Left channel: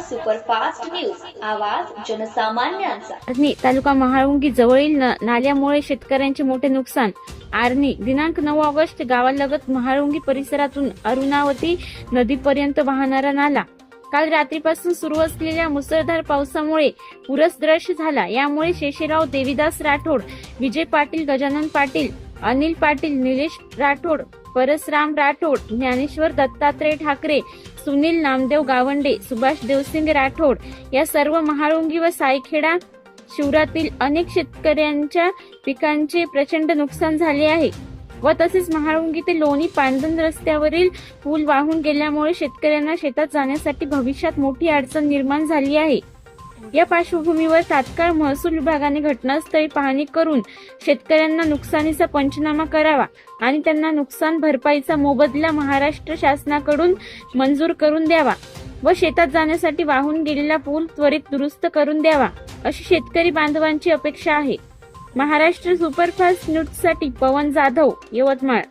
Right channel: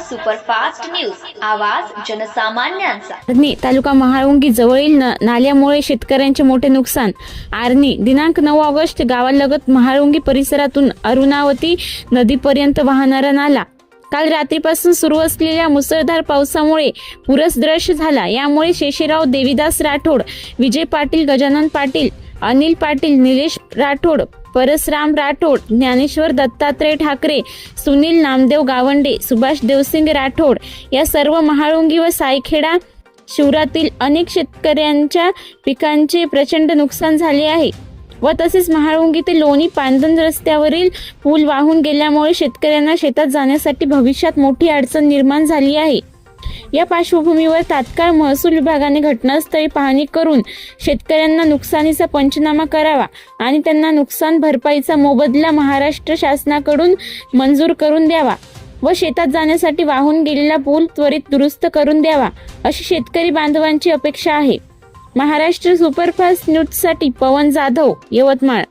Superfast news. आवाज जनसामान्यांचा. आर्णी तालुका महाळुंगी जवळील न- नाल्यामुळे शेतकऱ्यांचे मोठे नुकसान. आर्णी दिनांक नऊ ऑगस्ट गावालगत महाळुंगी परिसरातून अरुणावती नदीपर्यंत वाहणारा नाला. काल रात्रीपासून सुरू असलेल्या मुसळधार पावसामुळे पुरसदृश्य झाला. यामुळे शेषेराव देविदास राठोड विजय पाटील गजानन पाटील अनिल पाटील निलेश राठोड परसराम राठोड ज्ञानेश्वर दत्तात्रय ठाकरे सुनील नामदेव गावंडे सुभाष देवसिंग राठोड या सर्व महाळुंगी व सायखेडा शिवरातील अनेक शेतकऱ्यांच्या पिकांचे प्रचंड नुकसान झाले आहे व तसेच महाळुंगी ते लोणी पांदन रस्त्यावरील पूल वाहून गेल्यामुळे शेतकऱ्यांना शेतात जाण्यासाठी भविष्यात मोठी अडचण निर्माण झाली आहे. या पार्श्वभूमीवर तात्काळ महसूल विभागाने घटनास्थळी पाहणी करून शेतकऱ्यांना नुकसानीचा पंचनामा करावा आणि त्यांना नुकसान भरपाईचा मोबदला महाराष्ट्र शासनाकडून मंजूर करून द्यावा व शेतात जाण्यासाठी वाहून गेलेला पूल त्वरित दुरुस्त करून द्यावा अशी शेतकरी बांधवांची अपेक्षा आहे. महाराष्ट्र सुपरफास्ट न्यूजसाठी पवन जाधव यवतमाळ.